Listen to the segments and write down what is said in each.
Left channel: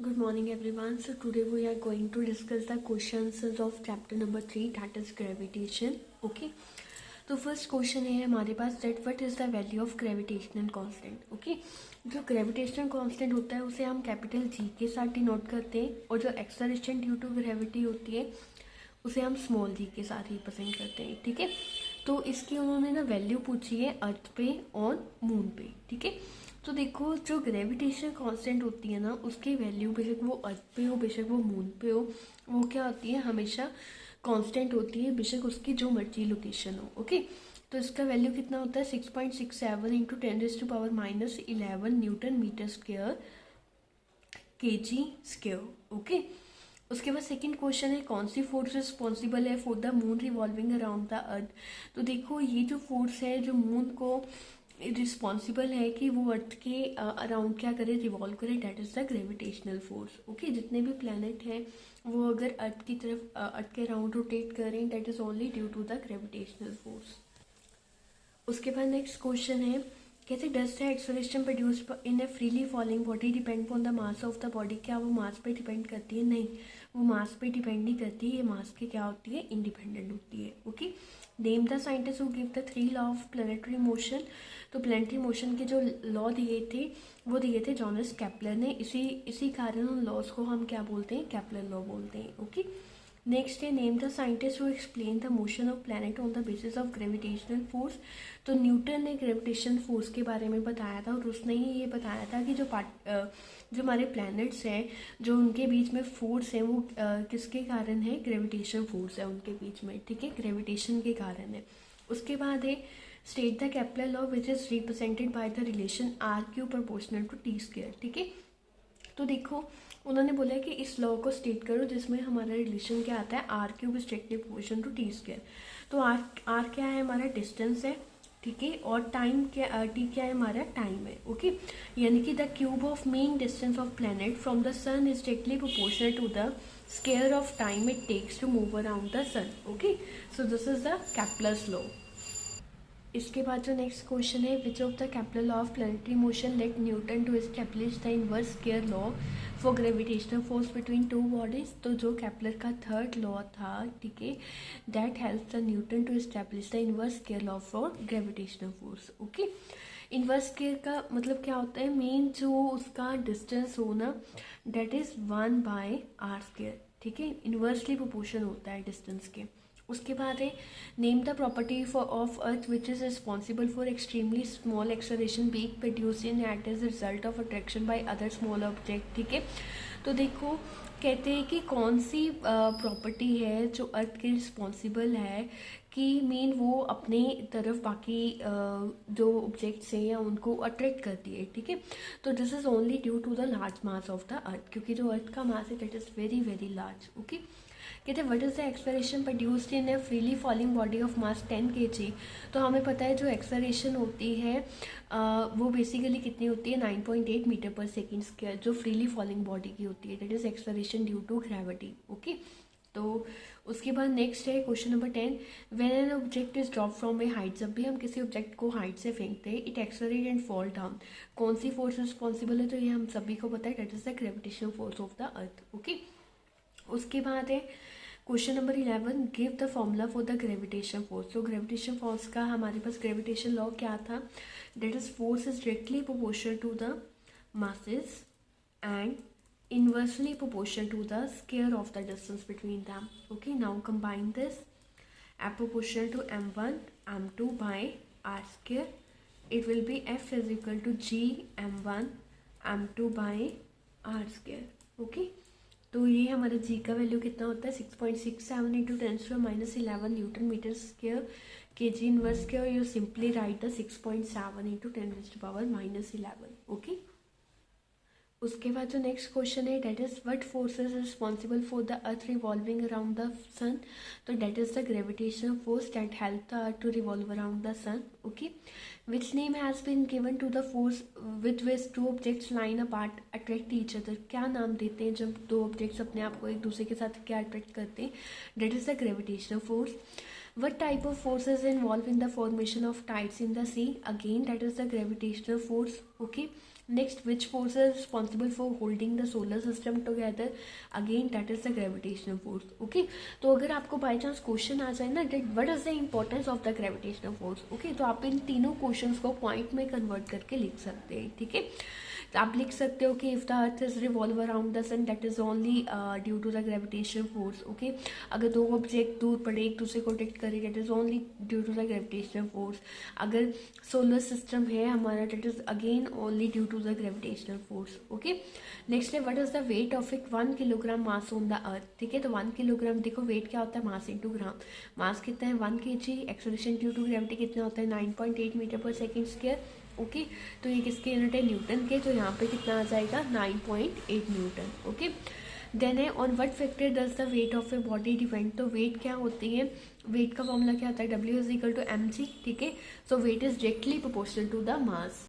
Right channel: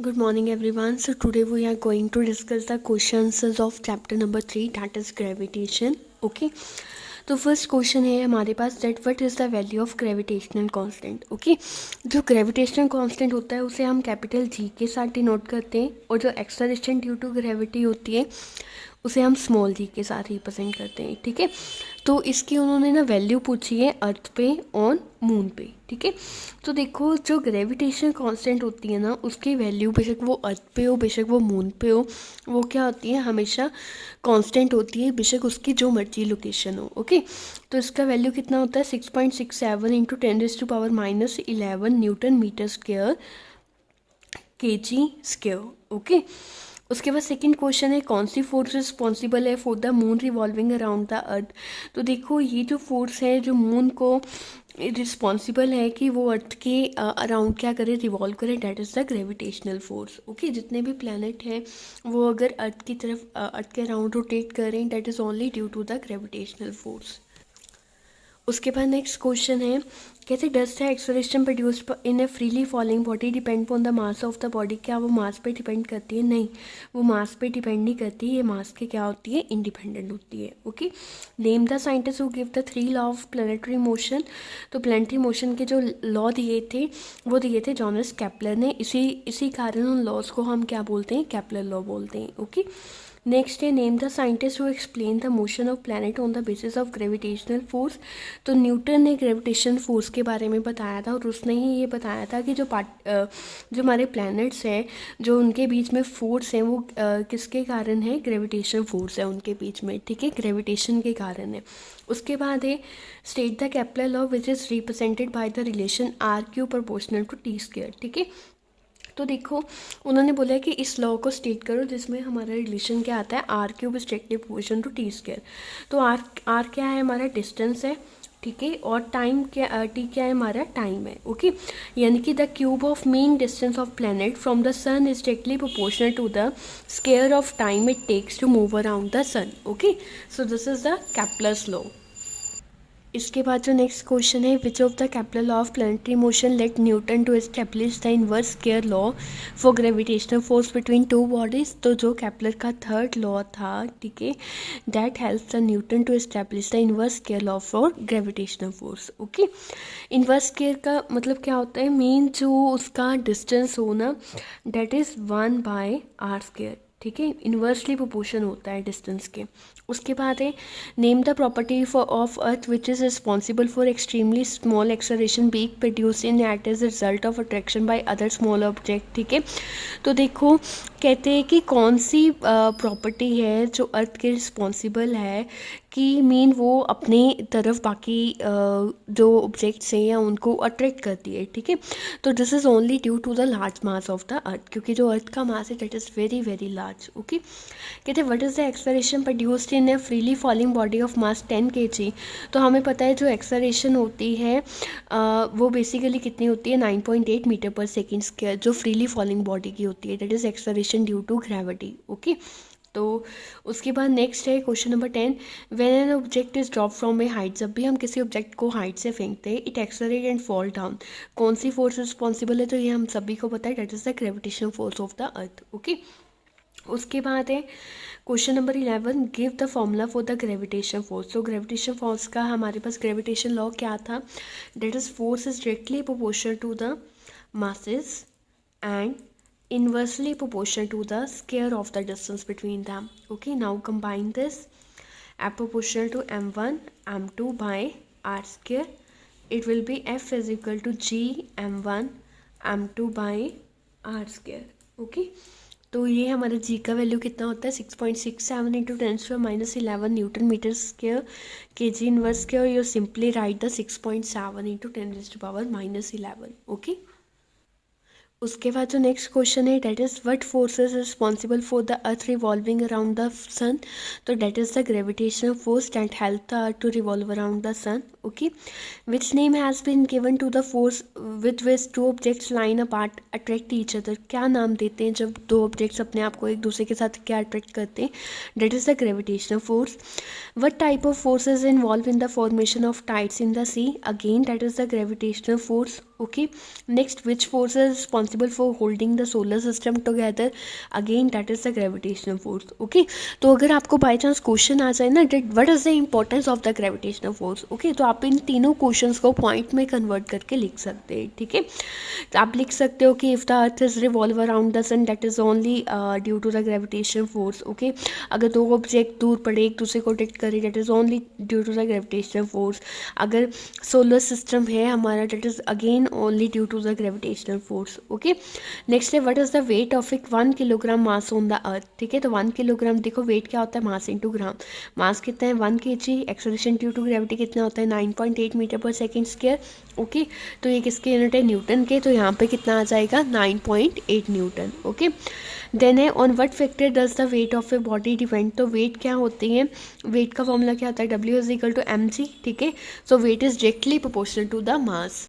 Good morning, everyone. So today we are going to discuss the questions of chapter number 3, that is gravitation. Okay. तो first question है हमारे पास that what is the value of gravitational constant. Okay, जो gravitational constant होता है उसे हम capital G के साथ डिनोट करते हैं और जो एक्सेलरेशन ड्यू टू ग्रेविटी होती है उसे हम स्मॉल जी के साथ रिप्रेजेंट करते हैं. ठीक है, तो इसकी उन्होंने ना वैल्यू पूछी है अर्थ पे और मून पे. ठीक है, तो देखो जो ग्रेविटेशन कांस्टेंट होती है ना उसकी वैल्यू बेशक वो अर्थ पे हो बेशक वो मून पे हो, वो क्या होती है हमेशा कांस्टेंट होती है, बेशक उसकी जो मर्जी लोकेशन हो. ओके, तो इसका वैल्यू कितना होता है 6.67 into 10⁻⁻11 newton metre square kg square. Okay, उसके बाद सेकंड क्वेश्चन है कौन सी फोर्स रिस्पॉन्सिबल है for the moon revolving around the earth. तो देखो ये जो फोर्स है जो मून को रिस्पॉन्सिबल है कि वो अर्थ के अराउंड क्या करे, रिवॉल्व करे, that is the gravitational force. Okay, जितने भी प्लैनेट हैं वो अगर अर्थ की तरफ अर्थ के अराउंड रोटेट करें that is only due to the gravitational force. उसके बाद नेक्स्ट क्वेश्चन है कैसे does the acceleration produced in a freely falling body depend on the mass of the body. क्या वो मास पे डिपेंड करती है? नहीं, वो मास पे डिपेंड नहीं करती, ये मास के क्या होती है इंडिपेंडेंट होती है. Okay, name the scientist who give the 3 law of planetary motion. तो प्लानिटरी मोशन के जो लॉ दिए थे वो दिए थे जॉनस केपलर ने. इसी कारण उन लॉज को हम क्या बोलते हैं, केपलर लॉ बोलते हैं. ओके, नेक्स्ट है name the scientist who explain the motion of planet on the basis of gravitational force. तो न्यूटन ने ग्रेविटेशन फोर्स के बारे में बताया था और उसने ही ये बताया था कि जो हमारे प्लैनेट्स हैं जो उनके बीच में फोर्स है वो किसके कारण है, ग्रेविटेशन फोर्स है उनके बीच में. ठीक है, ग्रेविटेशन के कारण है. उसके बाद है state the Kepler law which is represented by the relation R cube proportional to T square. ठीक है, तो देखो उन्होंने बोला कि इस लॉ को स्टेट करो जिसमें हमारा रिलेशन क्या आता है, R cube is directly proportional to T square. तो आर क्या है, हमारा डिस्टेंस है. ठीक है, और टाइम क्या, टी क्या है, हमारा टाइम है. ओके, यानी कि the cube of mean distance of planet from the sun is directly proportional to the square of time it takes to move around the sun. Okay, so this is the Kepler's law. इसके बाद जो next question है which of the Kepler law of planetary motion let Newton to establish the inverse square law for gravitational force between two bodies. तो जो Kepler का third law था, ठीक है, that helps the Newton to establish the inverse square law for gravitational force. Okay, inverse square का मतलब क्या होता है, मीन जो उसका डिस्टेंस हो ना दैट इज़ 1/r². ठीक है, इन्वर्सली प्रोपोर्शन होता है डिस्टेंस के. उसके बाद है name the property of earth which is responsible for extremely small acceleration being produce in at age result of attraction by other small object. ठीक है, तो देखो कहते हैं कि कौन सी प्रॉपर्टी है जो अर्थ के रिस्पॉन्सिबल है कि मीन वो अपने तरफ बाकी जो ऑब्जेक्ट्स हैं या उनको अट्रैक्ट करती है. ठीक है, तो this is only due to the large mass of the earth, क्योंकि जो अर्थ का मास है that is very very large. Okay, कहते हैं what is the acceleration produced in a freely falling body of mass 10 kg. तो हमें पता है जो एक्सेलरेशन होती है वो बेसिकली कितनी होती है 9.8 मीटर पर सेकेंड स्क्वायर, जो फ्रीली फॉलिंग बॉडी की होती है, that is acceleration due to gravity. Okay, तो उसके बाद नेक्स्ट है question number 10 when an object is drop from a height. जब भी हम किसी ऑब्जेक्ट को हाइट से फेंकते हैं it accelerate and fall down. कौन सी फोर्स रिस्पॉन्सिबल है, तो ये हम सभी को पता है that is the gravitation force of the earth. Okay, उसके बाद है question number 11 give the formula for the gravitation force. तो ग्रेविटेशन फोर्स का हमारे पास ग्रेविटेशन लॉ क्या था, that is force is directly proportional to the masses and inversely proportional to the square of the distance between them. Okay, now combine this. F proportional to m1 m2 by r square. It will be F is equal to g m1 m2 by r square. Okay, तो ये हमारा जी का value कितना होता है 6.67 into 10⁻⁻11 newton metre square K G inverse square. You simply write the 6.7 into 10⁻⁻11. Okay, उसके बाद जो नेक्स्ट क्वेश्चन है that is what force is responsible for the earth revolving around the sun. तो that is the gravitational force that help the earth to revolve around the sun. Okay, which name has been given to the force with which two objects lying apart attract each other. क्या नाम देते हैं जब दो objects अपने आप को एक दूसरे के साथ क्या अट्रैक्ट करते हैं, that is the gravitational force. What type of force is involve in the formation of tides in the sea. Again that is the gravitational force. okay. Next, which force is responsible for holding the solar system together? Again, that is the gravitational force, okay. तो अगर आपको by chance question आ जाए ना that what is the importance of the gravitational force, okay, तो आप इन तीनों questions को point में कन्वर्ट करके लिख सकते हैं, ठीक है. तो आप लिख सकते हो कि if the earth is revolve around the sun that is only due to the gravitational force, okay. अगर दो ऑब्जेक्ट दूर पड़े एक दूसरे को डिटेक्ट करे that is only due to the gravitational force. अगर सोलर सिस्टम है हमारा that is again only due to the gravitational force, okay. Next है what is the weight of एक 1 kilogram mass on the earth, ठीक है. तो 1 kilogram देखो wait क्या होता है मास इंटू ग्राम. मास कितना है 1 kg, acceleration due to gravity कितना होता है 9.8 metre per second square, okay. तो ये किसके यूनिट है न्यूटन के, तो यहाँ पे कितना आ जाएगा 9.8 न्यूटन, ओके. देन है on what factor does the weight of a body depend. तो वेट क्या होती है, वेट का फॉर्मूला क्या होता है W=mg, ठीक है. So weight is directly proportional to the mass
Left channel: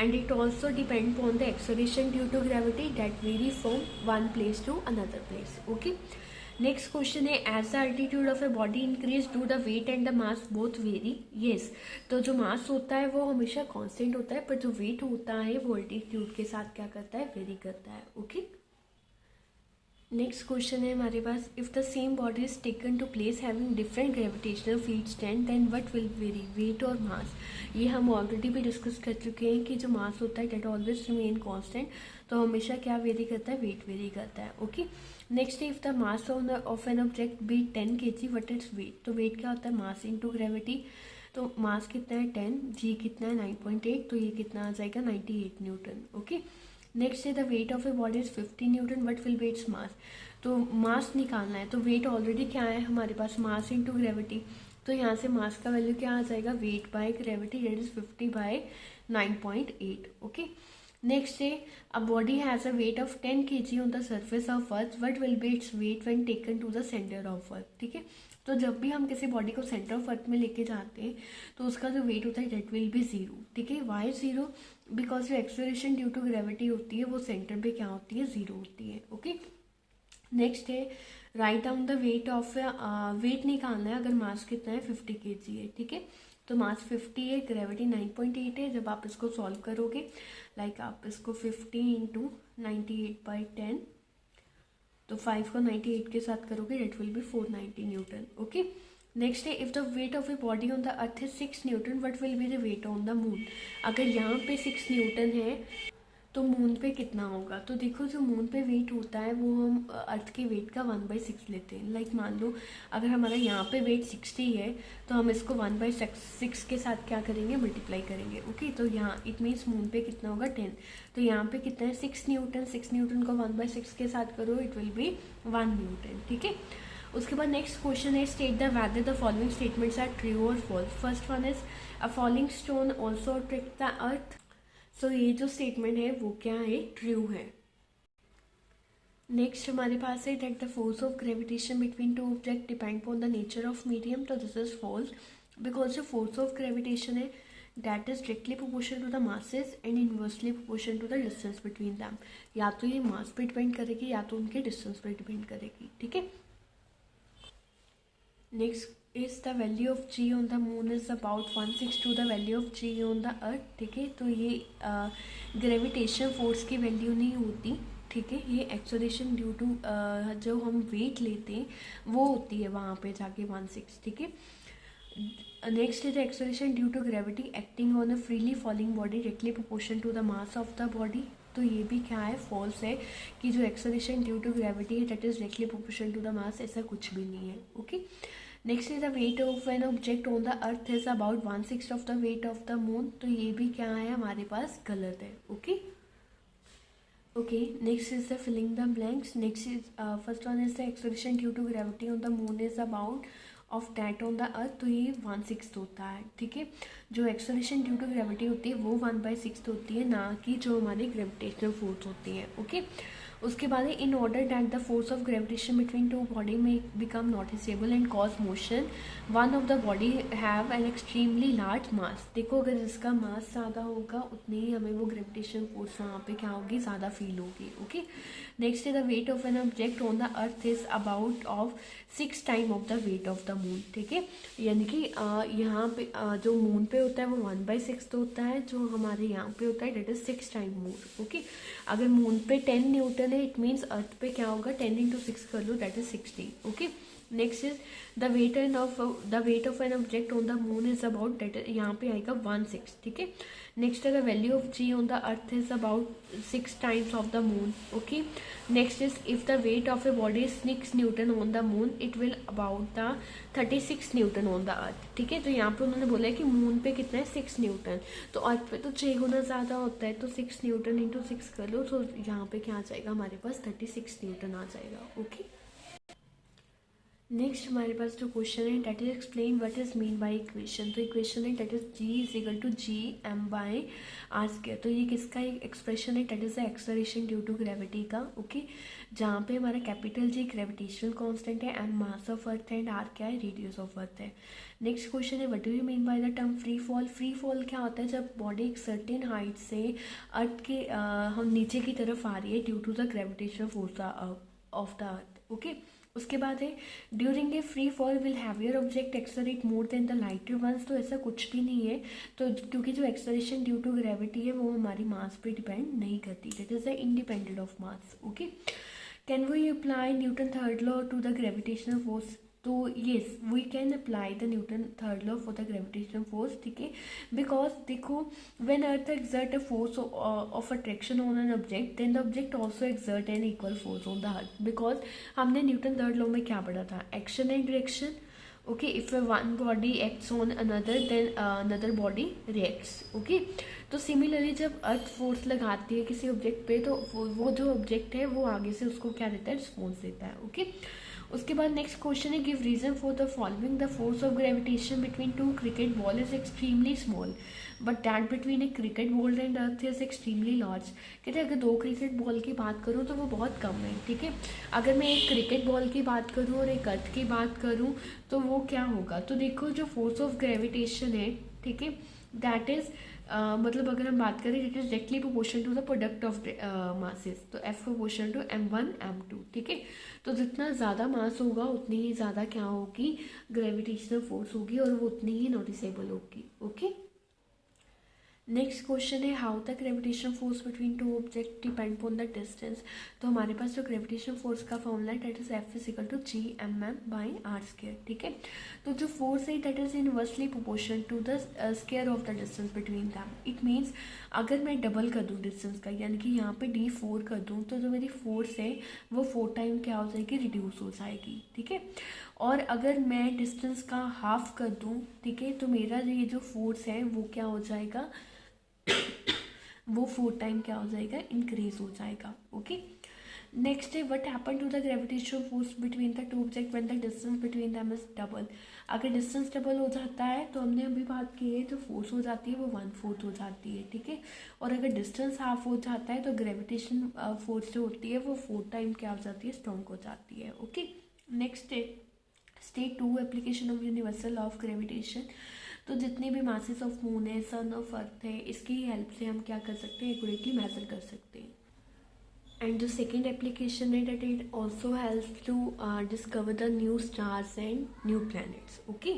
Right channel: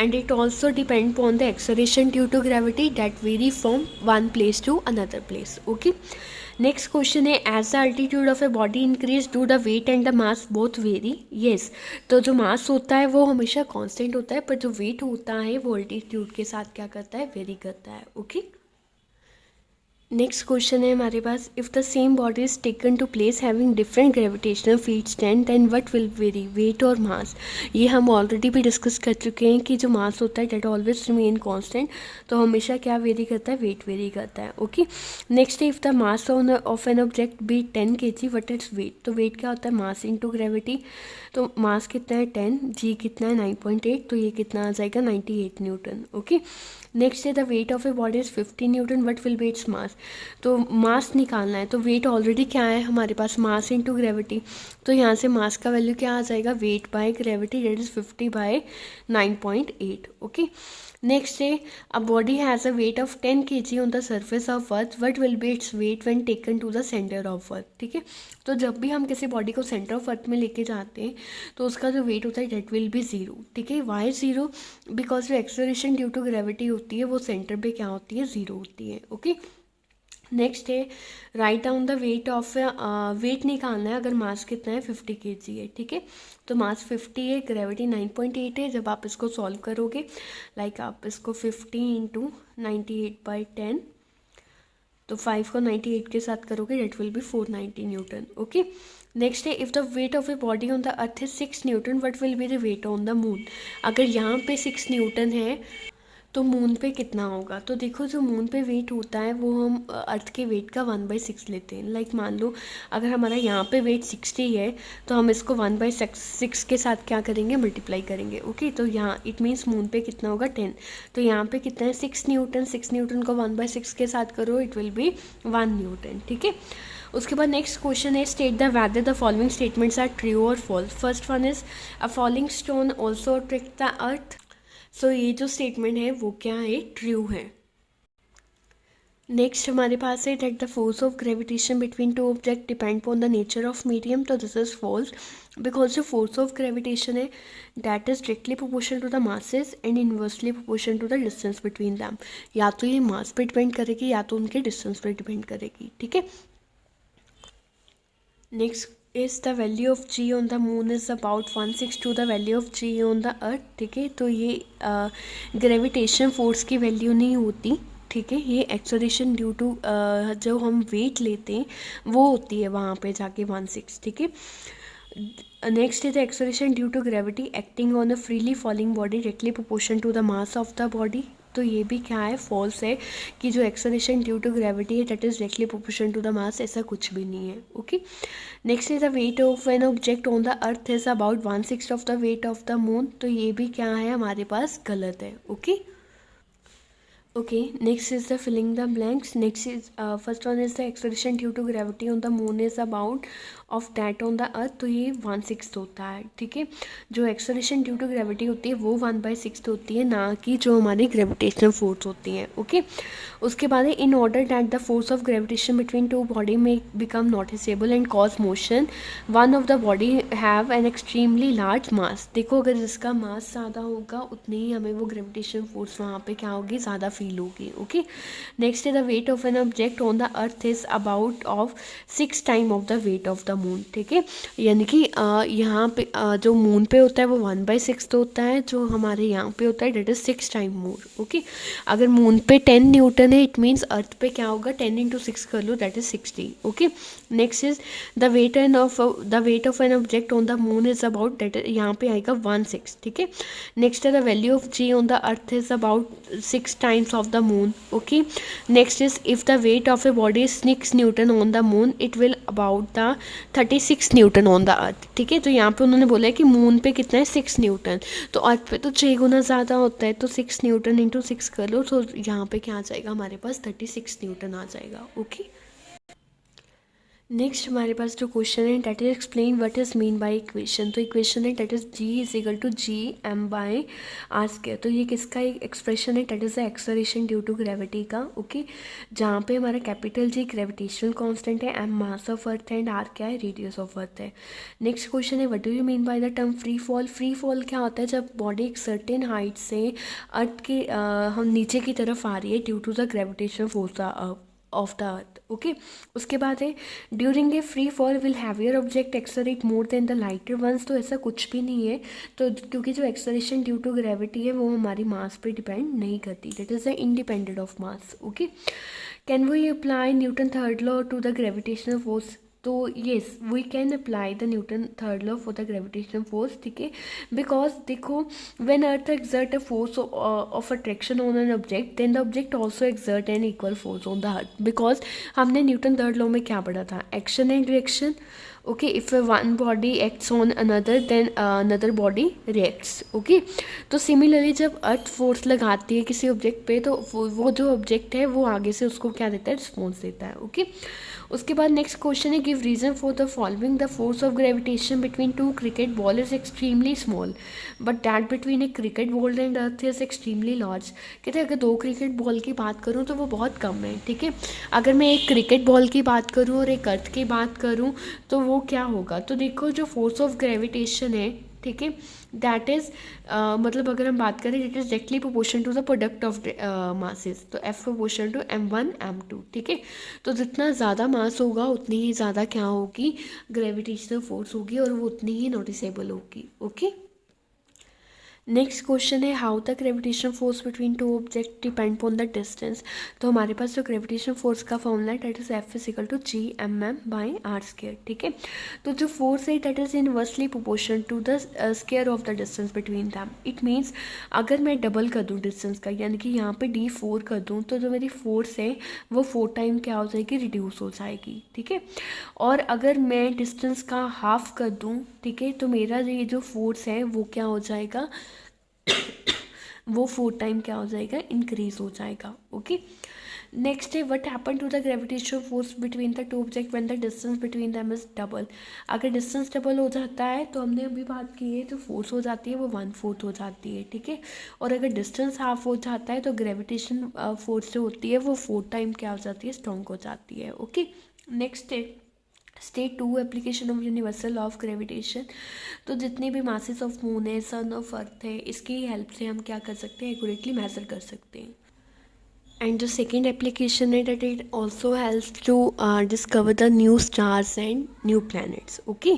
and it also depend upon the acceleration due to gravity that vary from one place to another place, okay. Next question है as the altitude of a body increase do the weight and the mass both vary. Yes, तो जो मास होता है वो हमेशा constant होता है पर जो वेट होता है वो अल्टीट्यूड के साथ क्या करता है वेरी करता है, ओके. नेक्स्ट क्वेश्चन है हमारे पास if the same body is taken to place having different gravitational field strength then what will vary, weight और मास. ये हम ऑलरेडी भी डिस्कस कर चुके हैं कि जो मास होता है डेट ऑलवेज रिमेन कांस्टेंट, तो हमेशा क्या वेरी करता है वेट वेरी करता है, ओके. नेक्स्ट है if the mass of an object be 10 kg what is weight. तो वेट क्या होता है मास इंटू ग्रेविटी. तो मास कितना है 10, जी कितना है 9.8, तो ये कितना आ जाएगा 98 न्यूटन, ओके. नेक्स्ट है the weight of a body is 50 Newton what will be its mass. तो मास निकालना है तो वेट ऑलरेडी क्या है हमारे पास मास इनटू ग्रेविटी. तो यहाँ से मास का वैल्यू क्या आ जाएगा weight by gravity that is 50 by 9.8, okay. Next है a body has a weight of 10 kg on the surface of earth what will be its weight when taken to the centre of earth, ठीक है. तो जब भी हम किसी body को centre of अर्थ में लेके जाते हैं तो उसका जो वेट होता है डेट विल बी ज़ीरो, ठीक है. वाई ज़ीरो, बिकॉज जो एक्सेलरेशन ड्यू टू ग्रेविटी होती है वो सेंटर पे क्या होती है ज़ीरो होती है, ओके. नेक्स्ट है write down the weight of weight निकालना है अगर मास कितना है 50 kg है, ठीक है. तो मास 50 है ग्रेविटी 9.8 है. जब आप इसको सॉल्व करोगे लाइक आप इसको 50 इंटू 98/10 तो 5 को 98 के साथ करोगे that will be 490 newton, okay. Next है if the weight of a body on the earth is 6 newton what will be the weight on the moon. अगर यहाँ पे 6 न्यूटन है तो मून पे कितना होगा. तो देखो जो मून पे वेट होता है वो हम अर्थ के वेट का 1/6 लेते हैं. लाइक मान लो अगर हमारा यहाँ पे वेट 60 है तो हम इसको 1/6 के साथ क्या करेंगे मल्टीप्लाई करेंगे, ओके. तो यहाँ इट मीन्स मून पे कितना होगा 10. तो यहाँ पे कितना है 6 न्यूटन. 6 न्यूटन को 1/6 के साथ करो इट विल बी 1 न्यूटन, ठीक है. उसके बाद नेक्स्ट क्वेश्चन है state the whether the following statements are true और false. First one is a falling stone also attract the earth. So ये जो स्टेटमेंट है वो क्या है ट्रू है. नेक्स्ट हमारे पास है that the force of gravitation between two object depend on the nature of medium. तो दिस इज फॉल्स बिकॉज जो फोर्स ऑफ ग्रेविटेशन है that is directly proportional to the masses and inversely proportional to the distance between them. या तो ये मास पे depend करेगी या तो उनके डिस्टेंस पर डिपेंड करेगी, ठीक है. Next is the value of ji on the moon is about 1/6 to the value of ji on the earth, ठीक है. तो ये ग्रेविटेशन फोर्स की वैल्यू नहीं होती, ठीक है. ये एक्सेलरेशन ड्यू टू जो हम वेट लेते हैं वो होती है वहाँ पे जाके 1/6, ठीक है. Next is the acceleration due to gravity acting on a freely falling body directly proportion to the mass of the body. तो ये भी क्या है फॉल्स है कि जो एक्सेलरेशन ड्यू टू ग्रेविटी है that is directly proportion to the mass, ऐसा कुछ भी नहीं है, okay. Next is the weight of an object on the earth is about 1/6 of the weight of the moon. तो ये भी क्या है हमारे पास गलत है, okay. Okay, next is the filling the blanks. Next is first one is the acceleration due to gravity on the moon is about of that on the earth. तो ये 1/6 होता है, ठीक है. जो एक्सेलरेशन ड्यू टू ग्रेविटी होती है वो 1/6 होती है, ना कि जो हमारी ग्रेविटेशनल फोर्स होती है, ओके. उसके बाद है in order that the force of gravitation between two body में become noticeable and cause motion one of the body have an extremely large mass. देखो अगर जिसका मास ज़्यादा होगा उतनी ही हमें वो ग्रेविटेशनल फोर्स वहाँ पे क्या होगी ज़्यादा फील होगी, ओके. नेक्स्ट है the weight of an object on the earth is about of 6 time of the weight of the moon, ठीक है। यानी कि यहाँ पे जो मून पे होता है वो 1/6 होता है, जो हमारे यहाँ पे होता है that is 6 time more, okay. अगर मून पे 10 न्यूटन है, इट मीन्स अर्थ पे क्या होगा, 10 × 6 कर लो, that is 60, okay. Next is the weight of an object on the moon is about, that यहाँ पे आएगा 1/6, ठीक है। नेक्स्ट है the value of ji on the earth is about 6 times of the moon, okay. Next is if the weight of a body is 6 newton on the moon, it will about the 36 newton on the earth, ठीक है। तो यहाँ पे उन्होंने बोला है कि moon पे कितना है 6 न्यूटन, तो अर्थ पे तो 6 गुना ज़्यादा होता है, तो 6 न्यूटन × 6 कर लो, तो यहाँ पे क्या आ जाएगा हमारे पास 36 न्यूटन आ जाएगा, ओके। नेक्स्ट हमारे पास जो क्वेश्चन है that is explain what is mean by equation. तो इक्वेशन है डेट इज G=G m/r²। तो ये किसका एक एक्सप्रेशन है, that is the acceleration due to gravity का, ओके। जहाँ पे हमारा कैपिटल G ग्रेविटेशनल कांस्टेंट है, m मास ऑफ अर्थ है एंड r क्या है, रेडियस ऑफ अर्थ है। नेक्स्ट क्वेश्चन है what do you mean by the term free fall. Free fall क्या होता है, जब बॉडी एक सर्टेन हाइट से अर्थ के हम नीचे की तरफ आ रही है due to the gravitational force of the earth, okay. उसके बाद है during a free fall will heavier object accelerate more than the lighter ones. तो ऐसा कुछ भी नहीं है, तो क्योंकि जो एक्सलरेशन ड्यू टू ग्रेविटी है वो हमारी मास पे डिपेंड नहीं करती, that is the independent of mass, okay. Can we apply Newton third law to the gravitational force. तो yes we can apply the Newton third law for the gravitational force, ठीक है। Because देखो when earth exert a force of attraction on an object, then the object also exert an equal force on the earth. Because हमने Newton third law में क्या पढ़ा था, action and reaction, okay. If one body acts on another then another body reacts, okay. तो similarly जब earth force लगाती है किसी ऑब्जेक्ट पे, तो वो जो ऑब्जेक्ट है वो आगे से उसको क्या देता है, रिस्पॉन्स देता है, ओके। उसके बाद नेक्स्ट क्वेश्चन है give reason for the following. The force of gravitation between two cricket ball is extremely small but that between a cricket ball and earth is extremely large. कहते हैं अगर दो cricket ball की बात करूँ तो वो बहुत कम है, ठीक है। अगर मैं एक क्रिकेट बॉल की बात करूँ और एक अर्थ की बात करूँ तो वो क्या होगा, तो देखो जो फोर्स ऑफ ग्रेविटेशन है, ठीक है, दैट इज़ मतलब अगर हम बात करें it is directly proportion to the product of masses, तो F proportion to m1 m2, ठीक है। तो जितना ज़्यादा मास होगा उतनी ही ज़्यादा क्या होगी, ग्रेविटेशनल फोर्स होगी और वो उतनी ही नोटिसेबल होगी, ओके। नेक्स्ट क्वेश्चन है how the gravitation force between two object depend upon the distance. तो हमारे पास जो ग्रेविटेशन फोर्स का फॉर्मूला है दैट इज F=G/m/r², ठीक है। तो जो फोर्स है that is inversely proportion to the square of the distance between them. It means अगर मैं डबल कर दूँ डिस्टेंस का, यानी कि यहाँ पे D4 कर दूँ, तो जो मेरी फोर्स है वो 4 टाइम क्या हो जाएगी, रिड्यूस हो जाएगी, ठीक है। और अगर मैं डिस्टेंस का हाफ कर दूँ, ठीक है, तो मेरा ये जो फोर्स है वो क्या हो जाएगा वो 4 टाइम क्या हो जाएगा, इंक्रीज हो जाएगा, ओके। नेक्स्ट है what happen to the gravitational force between the two object when the distance between them is double. अगर डिस्टेंस डबल हो जाता है तो हमने अभी बात की है, तो फोर्स हो जाती है वो 1/4 हो जाती है, ठीक है। और अगर डिस्टेंस हाफ हो जाता है तो ग्रेविटेशन फोर्स जो होती है वो 4 टाइम क्या हो जाती है, स्ट्रॉन्ग हो जाती है, ओके। नेक्स्ट है state 2 application of universal law of gravitation. तो जितने भी मासेस ऑफ मून है, सन ऑफ अर्थ है, इसकी हेल्प से हम क्या कर सकते हैं, एक्यूरेटली मेजर कर सकते हैं। एंड जो सेकेंड एप्लीकेशन है that it also helps to discover the new stars and new planets, okay.